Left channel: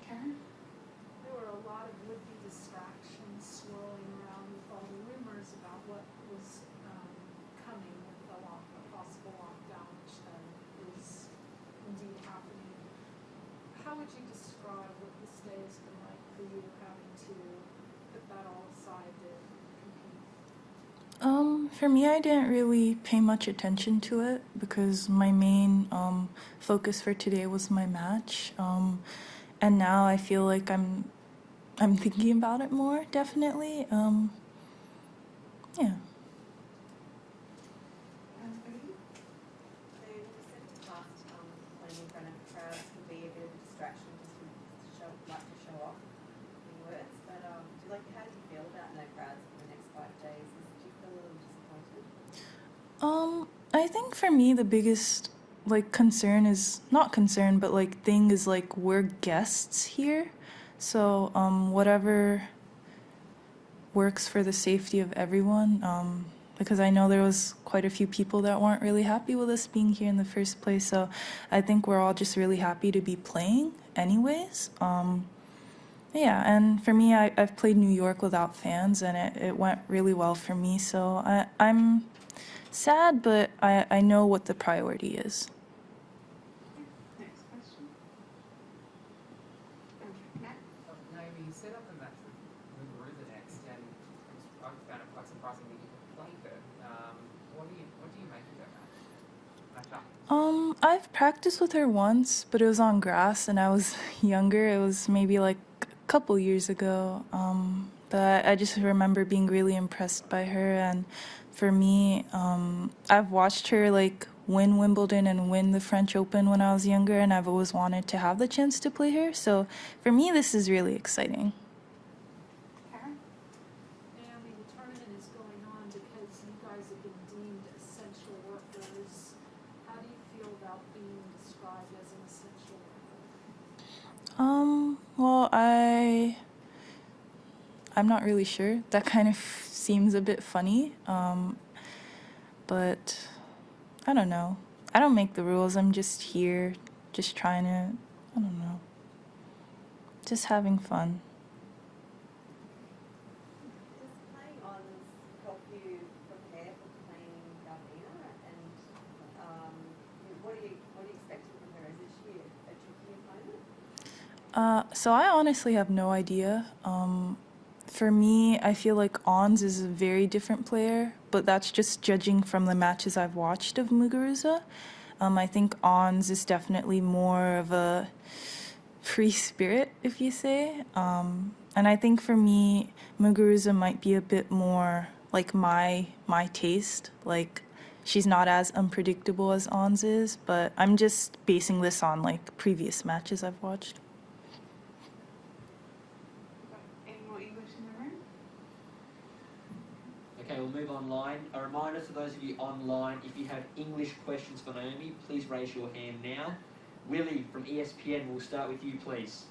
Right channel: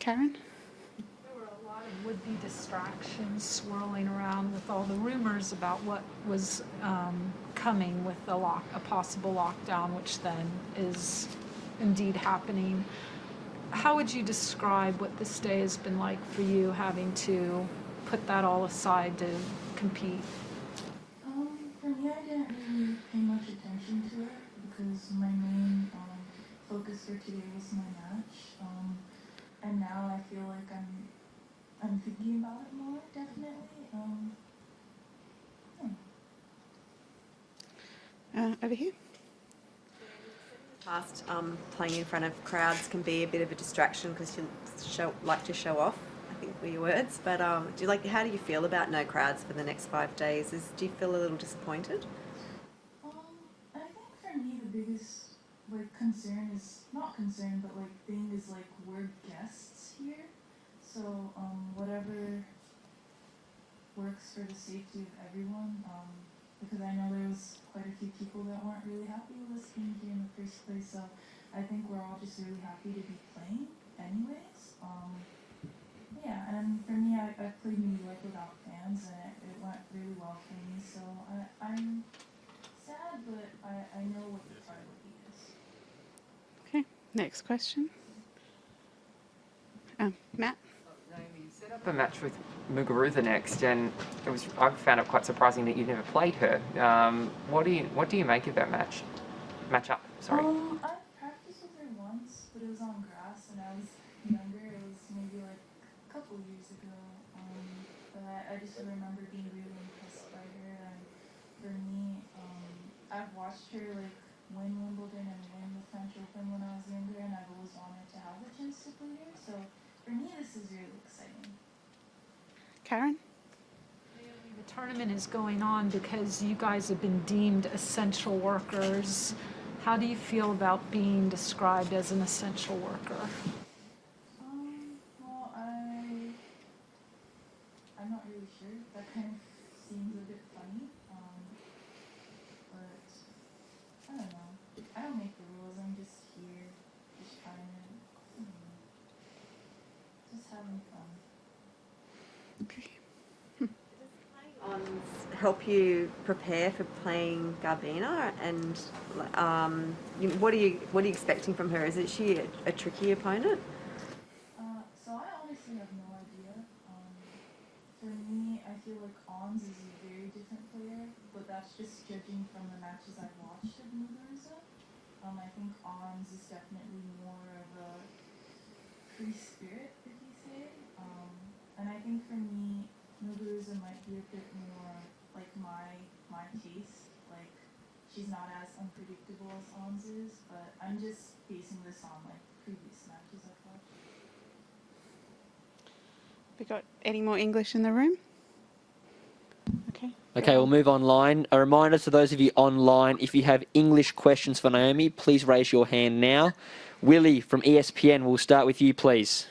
Karen? There were a lot of would-be distractions swirling around with all the rumors about what was coming with a possible lockdown, which then is indeed happening. How would you describe what this day has been like for you, having to put that all aside to compete? For me, I didn't really pay much attention to it because my main focus for today was my match. And now I feel like I'm thinking about it more, definitely. Yeah. Over here. Past playing in front of crowds can be a bit of a distraction because you like to show off, I think were your words. But how do you feel about no crowds for the next 5 days? Do you feel a little disappointed? I think for me the biggest concern is not concern, but thing is we're guests here, so whatever works for the safety of everyone. Because I know there was quite a few people that weren't really happy with us being here in the first place. So I think we're all just really happy to be playing anyways. Yeah, and for me, I've played New York without fans, and it went really well for me. So I'm sad, but I know what the priority is. Okay, next question. Matt? Naomi, you set up a match with Muguruza next, and I found it quite surprising that you never played her. What do you make of that matchup? Sorry. I've practiced with her once, but it was on grass, and I was younger. It was maybe a couple years ago. But I just remember being really impressed by her, and for me, I've watched her win Wimbledon and win the French Open when I was younger, and I've always wanted to have the chance to play her. So for me, this is really exciting. Karen? Naomi, the tournament is going on because you guys have been deemed essential workers. How do you feel about being described as an essential worker? Well, I'm not really sure. That kind of seems a bit funny. But I don't know. I don't make the rules. I'm just here, just trying to, I don't know, just having fun. Help you prepare for playing Garbina, and what are you expecting from her? Is she a tricky opponent? So I honestly have no idea. For me, I feel like Ons is a very different player, but that's just judging from the matches I've watched of Muguruza. I think Ons is definitely more of a free spirit, if you say. And I think for me, Muguruza might be a bit more my taste. She's not as unpredictable as Ons is, but I'm just basing this on previous matches I've watched. We got any more English in the room? Okay, we'll move online. A reminder to those of you online, if you have English questions for Naomi, please raise your hand now. Willie from ESPN, we'll start with you, please.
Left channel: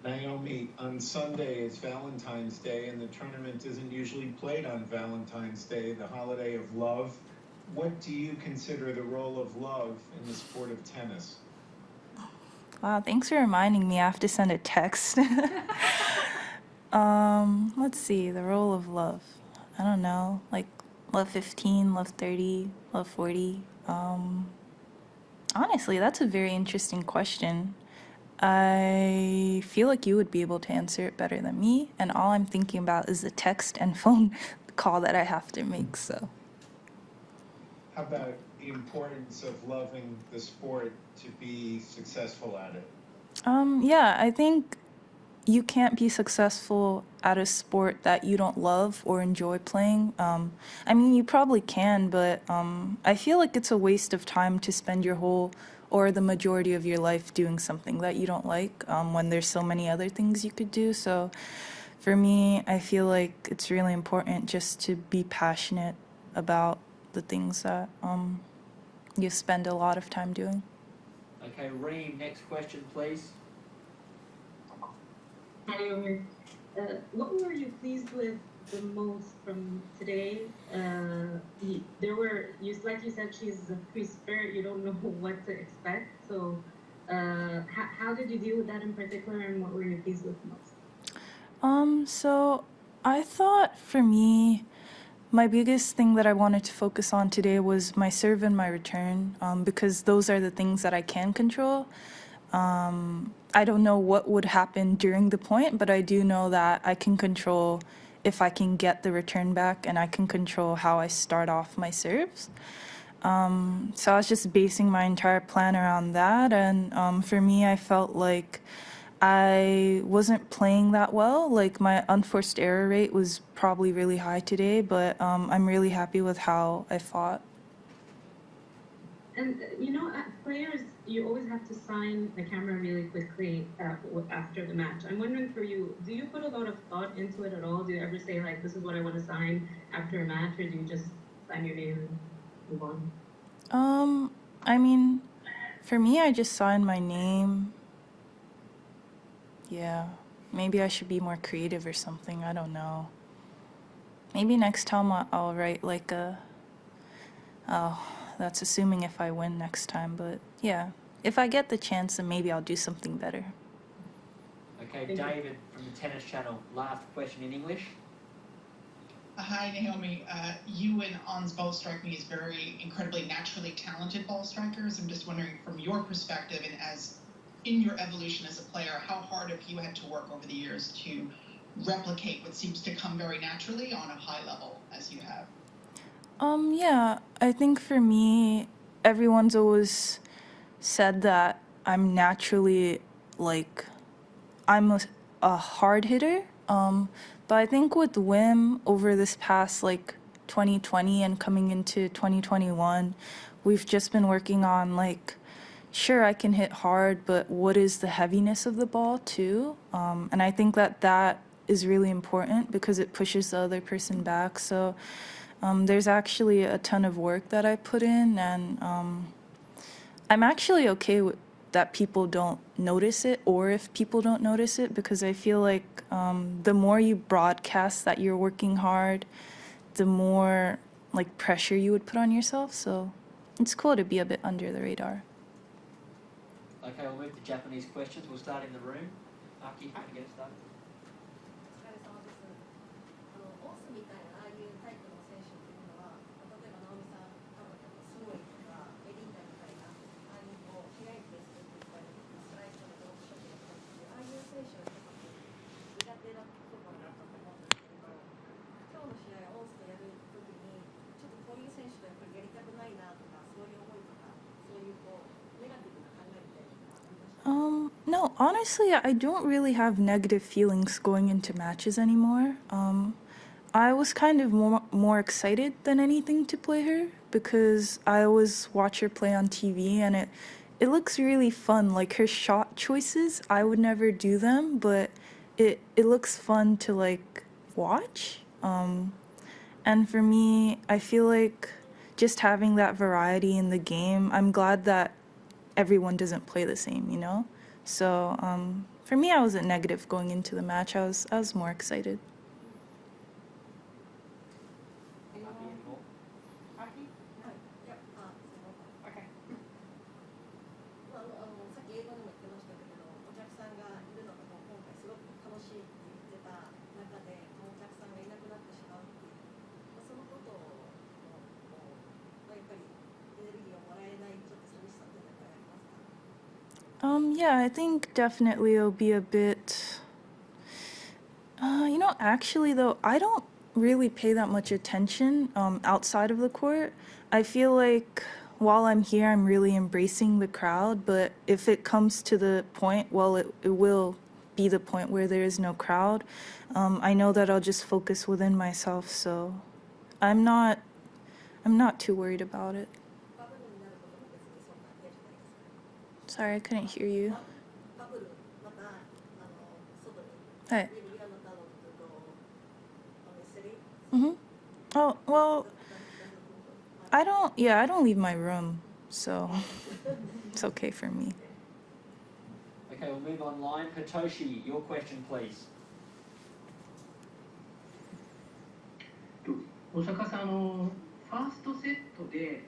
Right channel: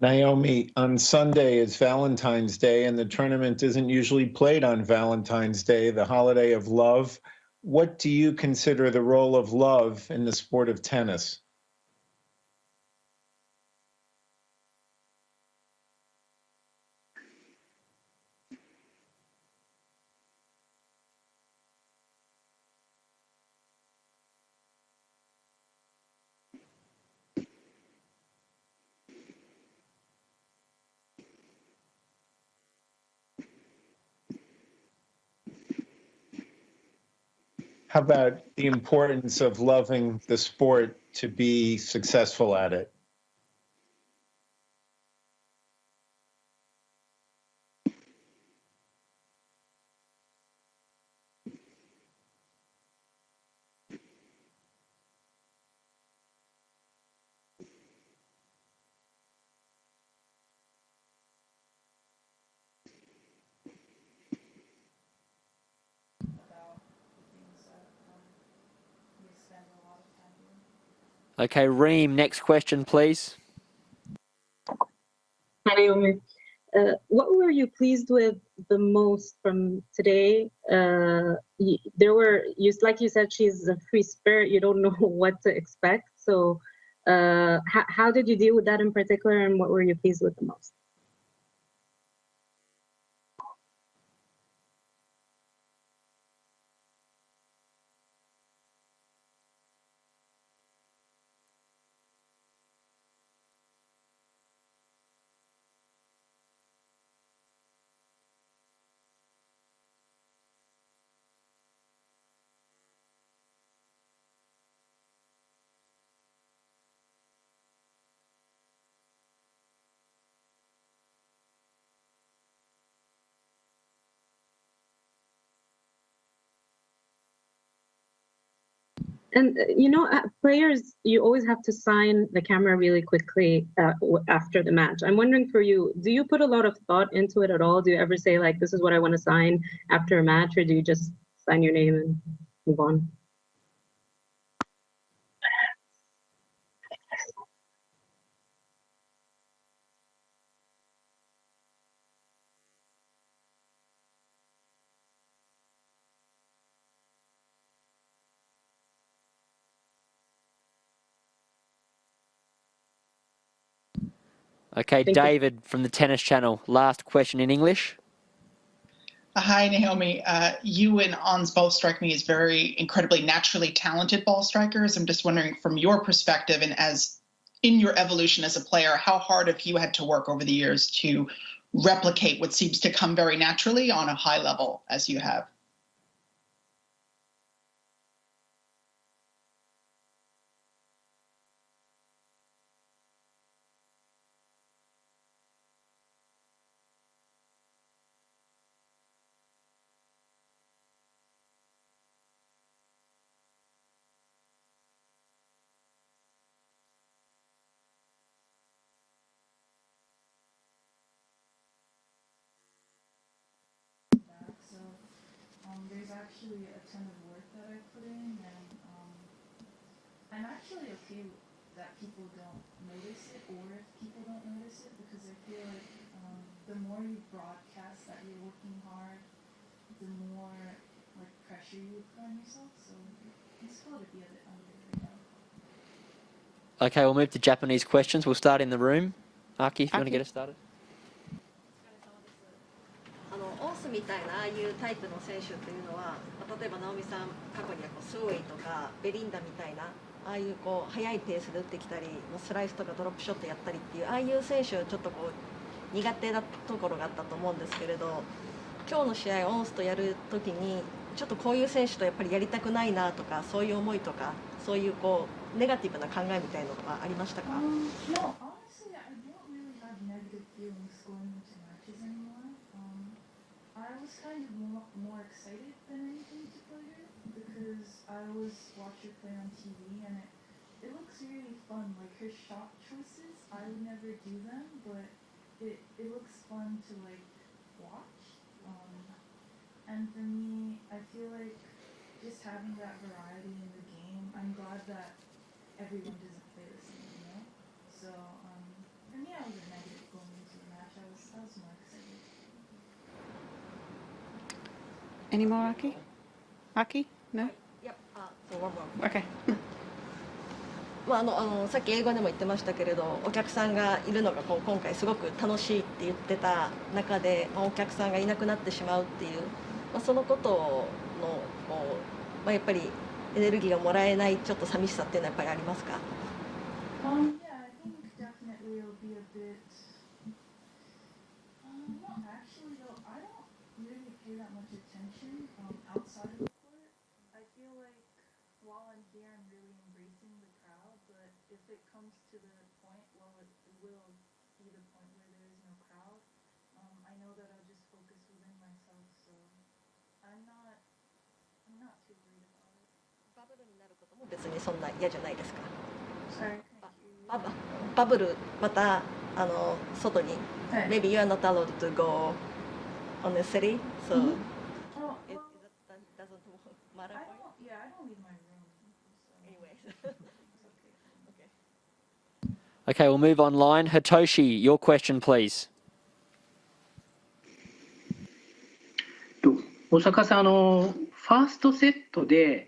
Naomi, on Sunday is Valentine's Day, and the tournament isn't usually played on Valentine's Day, the holiday of love. What do you consider the role of love in the sport of tennis? Wow, thanks for reminding me. I have to send a text. Let's see, the role of love. I don't know, love 15, love 30, love 40. Honestly, that's a very interesting question. I feel like you would be able to answer it better than me, and all I'm thinking about is the text and phone call that I have to make, so. How about the importance of loving the sport to be successful at it? Yeah, I think you can't be successful at a sport that you don't love or enjoy playing. I mean, you probably can, but I feel like it's a waste of time to spend your whole or the majority of your life doing something that you don't like when there's so many other things you could do. So for me, I feel like it's really important just to be passionate about the things that you spend a lot of time doing. Okay, Reem, next question, please. Hi, Naomi. What were you pleased with the most from today? Like you said, she's a free spirit. You don't know what to expect. So how did you deal with that in particular, and what were you pleased with the most? So I thought for me, my biggest thing that I wanted to focus on today was my serve and my return, because those are the things that I can control. I don't know what would happen during the point, but I do know that I can control if I can get the return back, and I can control how I start off my serves. So I was just basing my entire plan around that, and for me, I felt like I wasn't playing that well. Like my unforced error rate was probably really high today, but I'm really happy with how I fought. And players, you always have to sign the camera really quickly after the match. I'm wondering for you, do you put a lot of thought into it at all? Do you ever say like, this is what I want to sign after a match, or do you just sign your name and move on? I mean, for me, I just signed my name. Yeah, maybe I should be more creative or something. I don't know. Maybe next time I'll write like a. Oh, that's assuming if I win next time. But yeah, if I get the chance, then maybe I'll do something better. Okay, Thank you. David from the Tennis Channel. Last question in English. Hi, Naomi. You and Ons both strike me as very incredibly naturally talented ball strikers. I'm just wondering, from your perspective and as in your evolution as a player, how hard have you had to work over the years to replicate what seems to come very naturally on a high level as you have? Yeah, I think for me, everyone's always said that I'm naturally, like, I'm a hard hitter. But I think with Wim over this past, like, 2020 and coming into 2021, we've just been working on, like, sure, I can hit hard, but what is the heaviness of the ball, too? And I think that is really important because it pushes the other person back. So there's actually a ton of work that I put in, and I'm actually okay with that people don't notice it, or if people don't notice it, because I feel like the more you broadcast that you're working hard, the more like pressure you would put on yourself. So it's cool to be a bit under the radar. Okay, we'll move to Japanese questions. We'll start in the room. Aki, if you want to Aki. get us started. オンスみたいなああいうタイプの選手っていうのは、例えば直美さん過去にはスウェイとかベリンダみたいなああいう速いペースで打ってきたり、スライスとかドロップショットやったりっていうああいう選手ちょっと苦手なところがあったと思うんですけれど、今日の試合オンスとやるときにちょっとこういう選手とやっぱりやりたくないなとか、そういう思いとか、そういうネガティブな考えみたいなのがありましたか？ No, honestly, I don't really have negative feelings going into matches anymore. I was kind of more excited than anything to play her because I always watch her play on TV, and it looks really fun. Like her shot choices, I would never do them, but it looks fun to like watch. And for me, I feel like just having that variety in the game, I'm glad that everyone doesn't play the same, you know? So for me, I wasn't negative going into the match. I was more excited. Any more, Aki? Aki? No? いや、そう、one more. Okay. さっき英語でも言ってましたけれど、お客さんがいるのが今回すごく楽しいって言ってた中で、お客さんがいなくなってしまうっていう、そのことのやっぱりエネルギーがもらえないちょっと寂しさっていうのはやっぱりありますか？ Yeah, I think definitely it'll be a bit. Actually though, I don't really pay that much attention outside of the court. I feel like while I'm here, I'm really embracing the crowd, but if it comes to the point, well, it will be the point where there is no crowd. I know that I'll just focus within myself, so I'm not too worried about it. 別にそんな嫌じゃないですか？ Sorry, I couldn't hear you. バブルまた外に、はい。 maybe you are not allowed to go on the city, so Oh, well, I don't leave my room, so it's okay for me. Okay, we'll move online. Hitoshi, your question, please. 大阪さん、ファーストセットで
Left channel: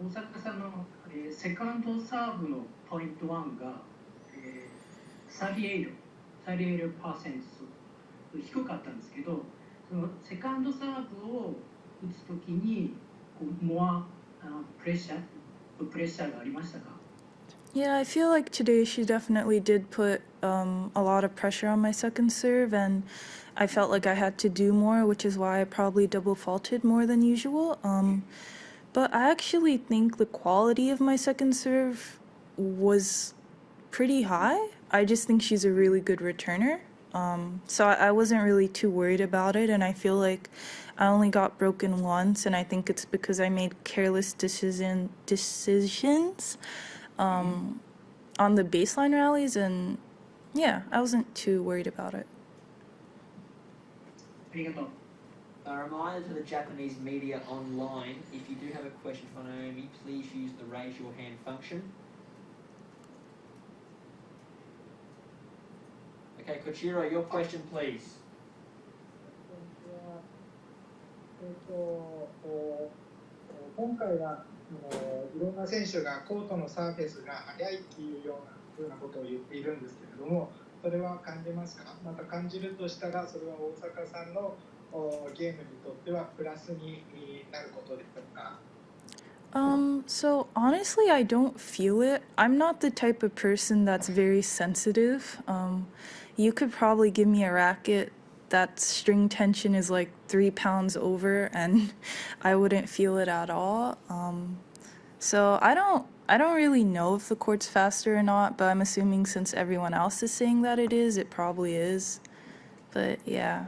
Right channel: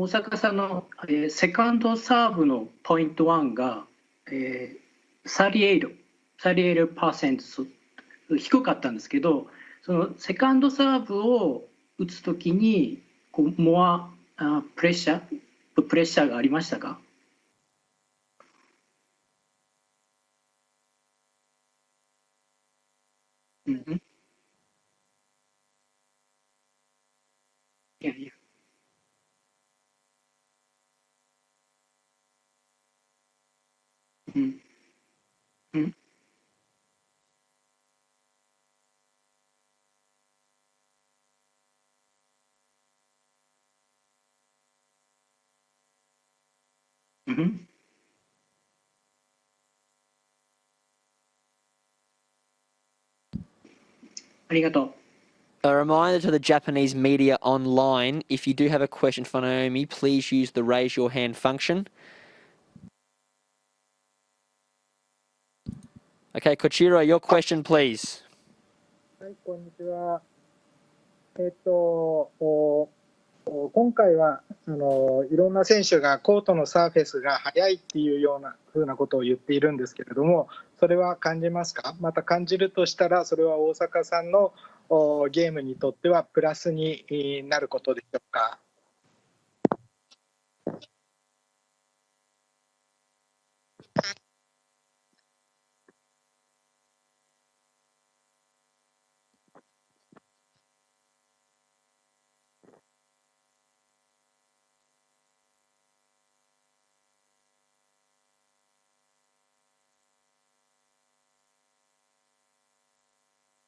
大阪さんの、セカンドサーブのポイント1が、38%低かったんですけど、そのセカンドサーブを打つときにこうプレッシャーがありましたか？ Yeah, I feel like today she definitely did put a lot of pressure on my second serve, and I felt like I had to do more, which is why I probably double faulted more than usual. But I actually think the quality of my second serve was pretty high. I just think she's a really good returner. So I wasn't really too worried about it, and I feel like I only got broken once, and I think it's because I made careless decisions on the baseline rallies, and yeah, I wasn't too worried about it. ありがとう。 A reminder to the Japanese media online, if you do have a question for Naomi, please use the raise your hand function. Okay, Kochiro, your question, please. はい、こんにちは。今回はいろんな選手がコートのサーフェスが速いっていうような風なことを言っているんですけれども、それは感じますか？また感じるとしたら、それは大坂さんのゲームにとってはプラスになることでしょうかSo honestly, I don't feel it. I'm not the type of person that's very sensitive. You could probably give me a racket that string tension is like 3 pounds over, and I wouldn't feel it at all. So I don't really know if the court's faster or not, but I'm assuming since everyone else is saying that it is, it probably is. But yeah,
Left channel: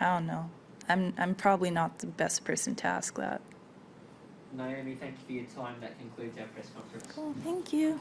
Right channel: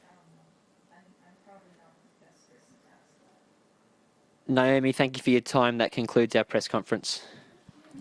I don't know. I'm probably not the best person to ask that. Naomi, thank you for your time. That concludes our press conference. Thank you.